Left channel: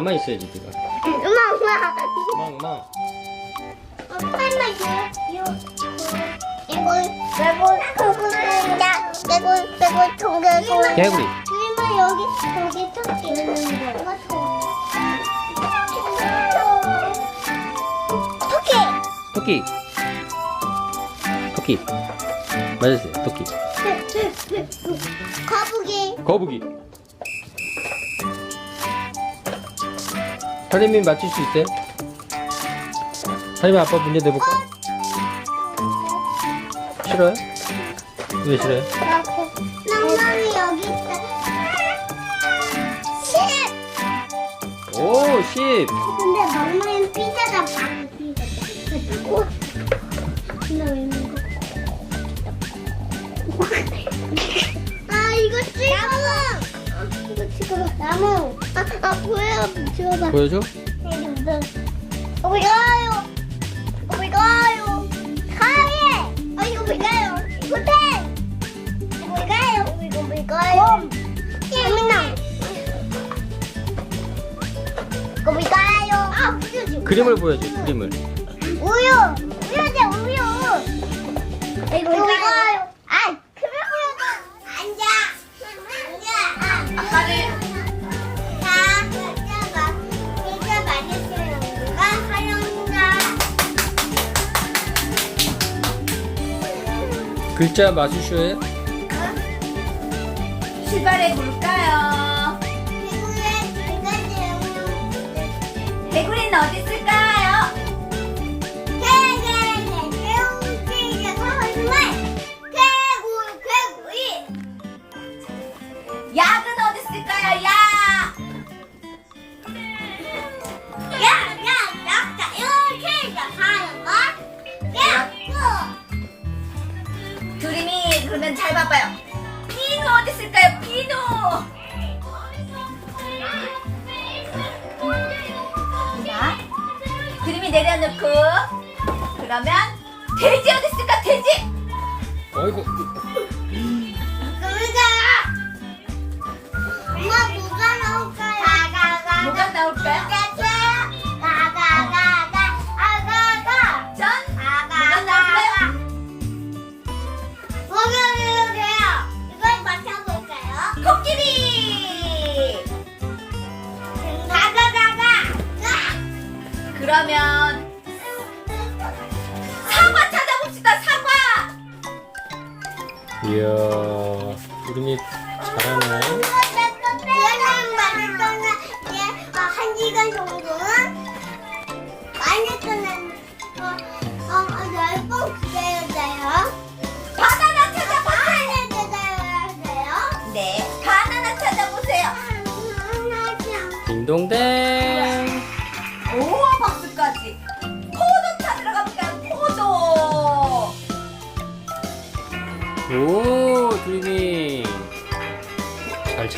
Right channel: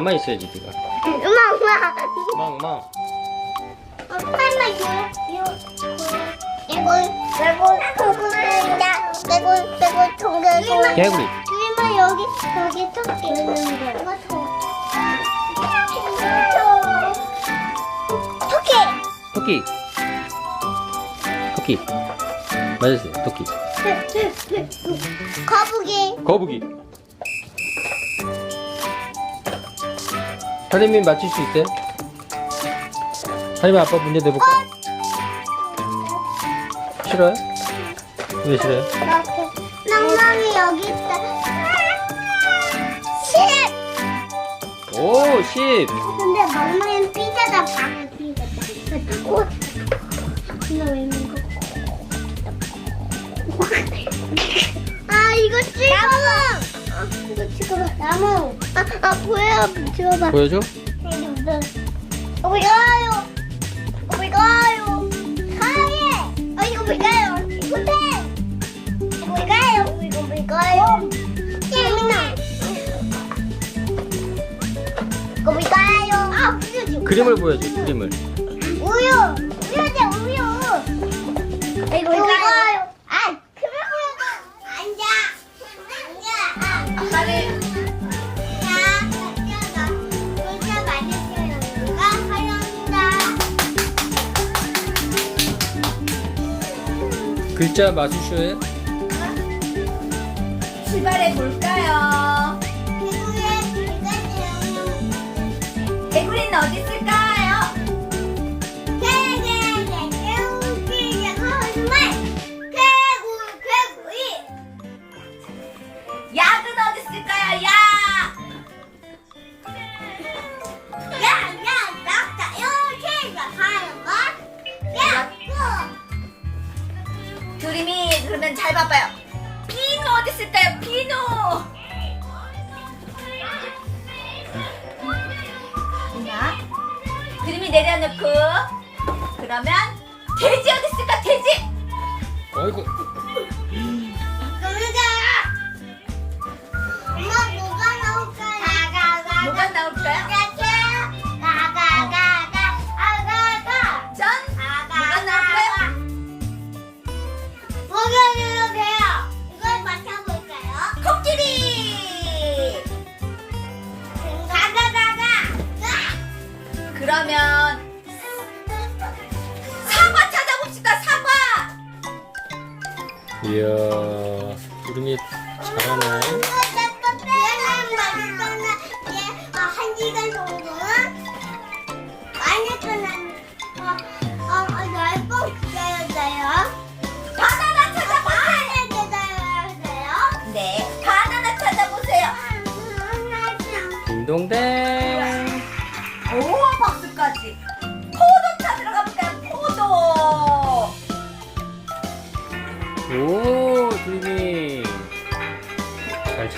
야 가만히 있어야지 네가 엄마, 엄마, 이거, 이거, 이거, 동개고. 개구리 그러면 여기, 여기 토끼 있는 거. 이거 토. 토끼. 토끼 토끼 맞았어요 토끼 거북이. 거북이 하림이 맞출 수 있어요? 하림이 아빠 문제 내볼까? 싫어요? 왜 싫어요? 낭낭이 여기 있다. 십. 오 10! 근데 멍멍이는 삐져다 방을 삐졌다. 어? 근데 왜 있는 거? 아 이거 찍어. 아. 나무. 아, 아 보여. 찍어봐. 보여줘? 어디 가요? 어디 가요? 가요. 어 이거? 호텔. 재민아. 왜 가요? 아 우유 그림을 보여줘 그림을 우유. 우유지 우유. 이거 왜 가요? 글자 마술쇼에 출발해 볼까요? 개구리는 어디 있을까요? 약은 내려놓고 그러면 돼지 어디 있을까? 돼지! 어이구 뭐가 나올까요? 전 이야 구름이 잘하네 한 시간 정도는 많이 끝난 어, 날꼭 기다려줘요. 바나나 찾아봐. 많이 기다려줘요. 네, 바나나 찾아보세요. 딩동댕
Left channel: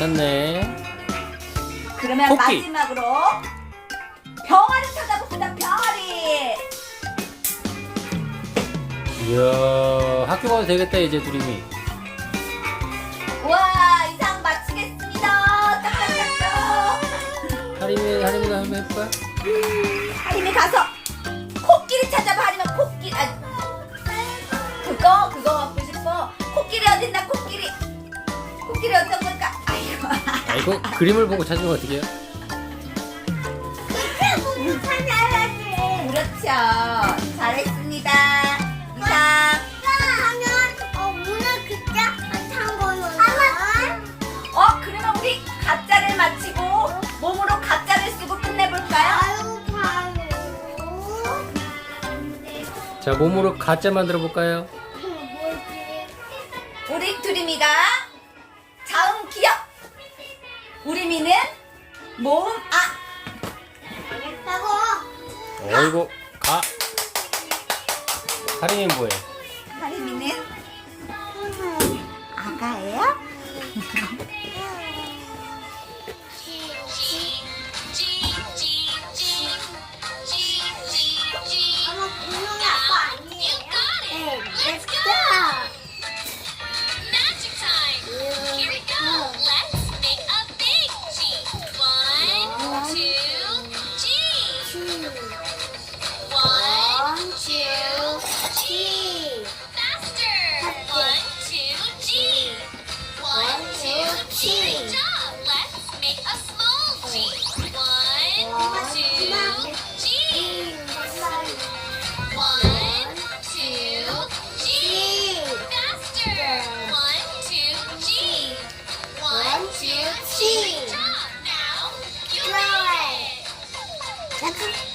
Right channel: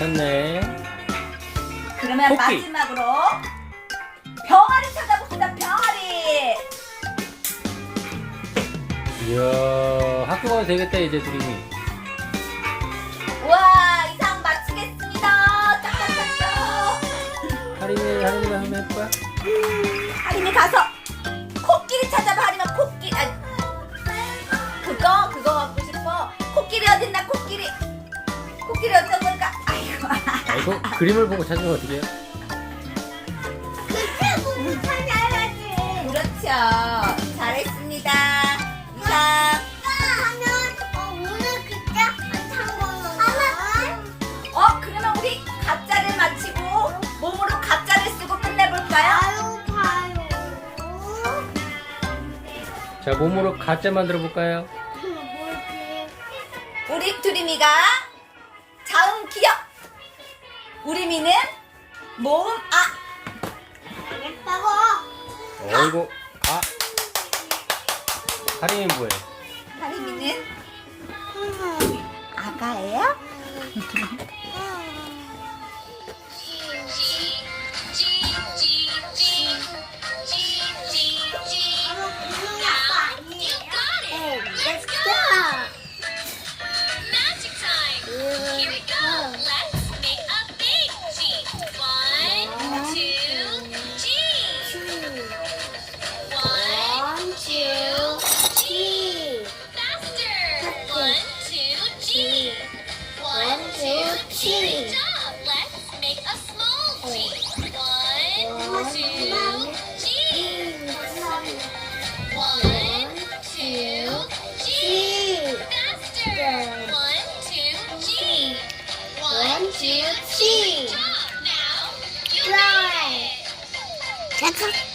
잘 찾네 그러면 토끼. 마지막으로 병아리 찾아봅시다. 병아리. 이야 학교 가도 되겠다 이제 구름이 우와, 이상 마치겠습니다. 짝짝짝짝. 하림이 하림이가 한번 해볼까? 하림이 가서 아이고 그림을 보고 찾으면 어떡해요? 그렇죠. 잘했습니다. 이상. 어, 그러면 우리 가짜를 마치고 몸으로 가짜를 쓰고 끝내볼까요? 자 몸으로 가짜 만들어 볼까요? 우리미는 모음 아. 어이구 가 하림이 뭐해? 하림이는 아가예요? see Dry. That's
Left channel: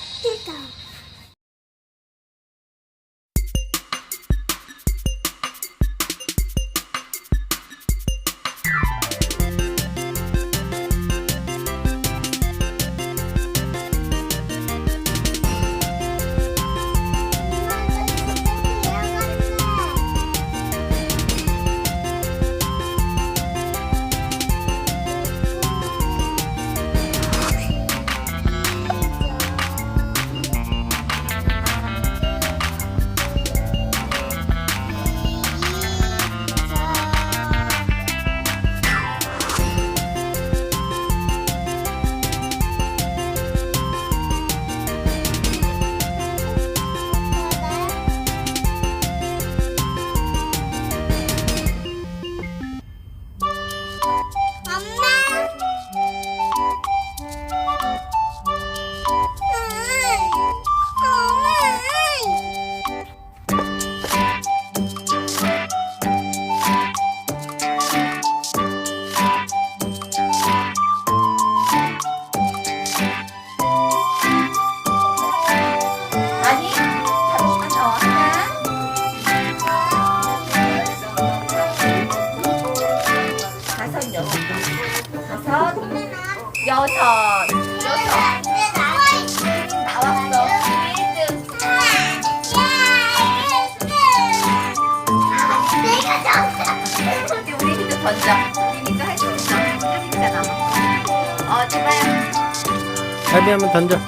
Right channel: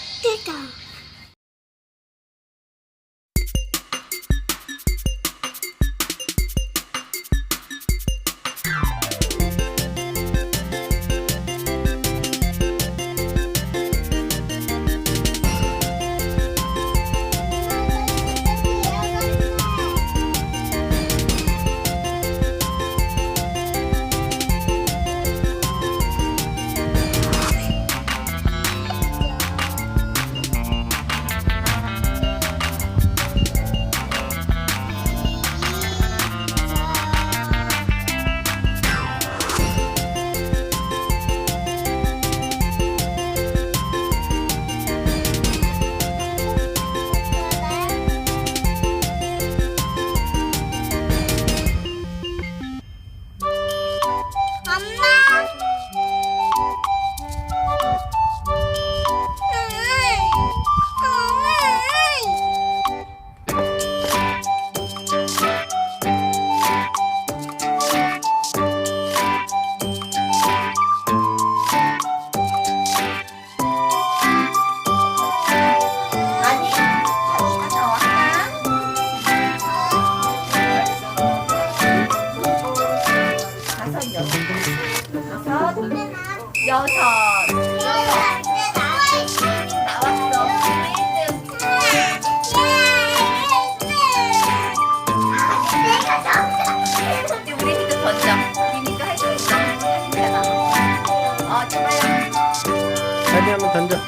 다리 한번 던져.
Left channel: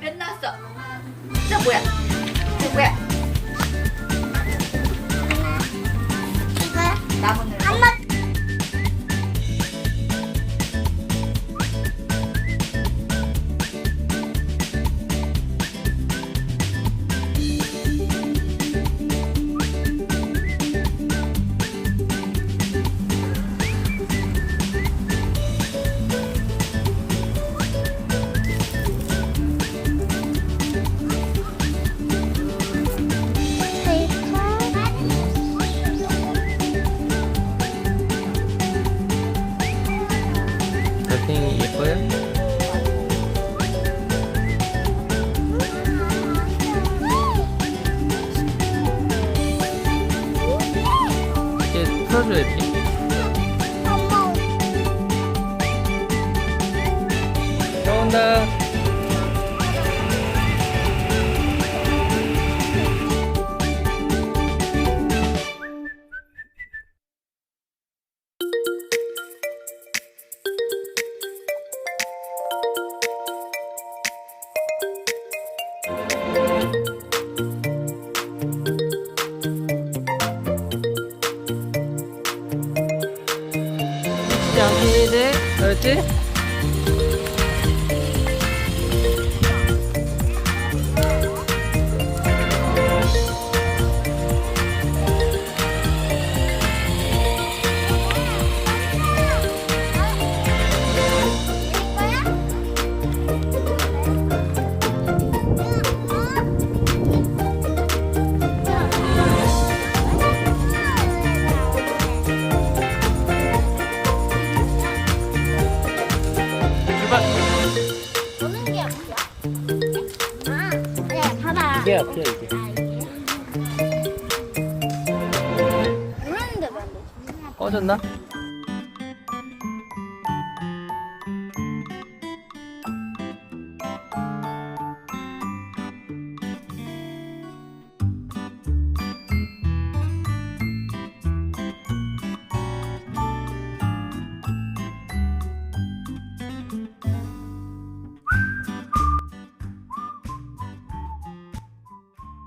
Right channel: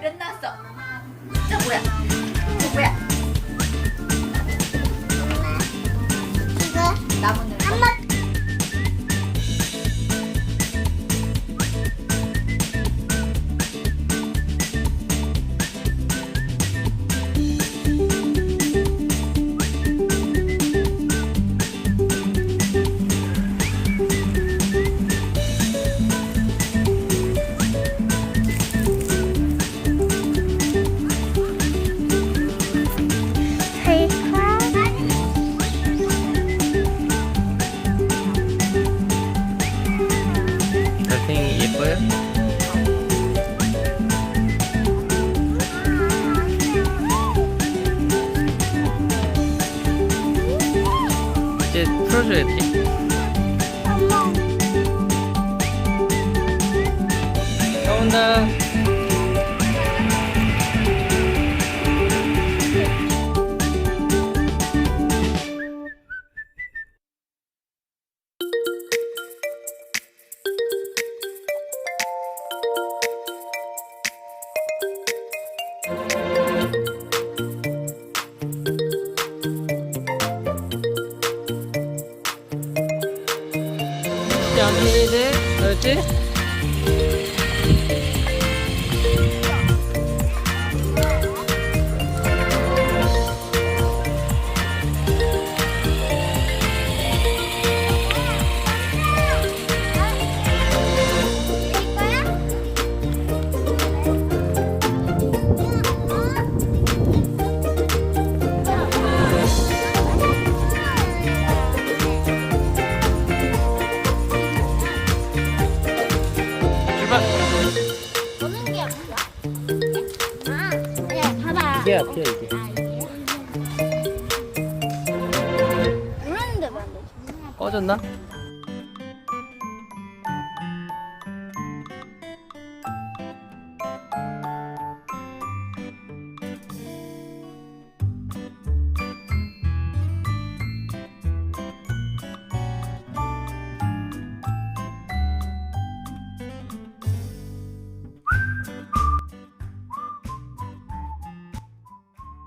몇 나왔어? 저 뭐야? 달팽이 예뻐요? 이제 풀어줘야지. 나온다. 여기 이 이게 앞이야 이게. 꺼졌나?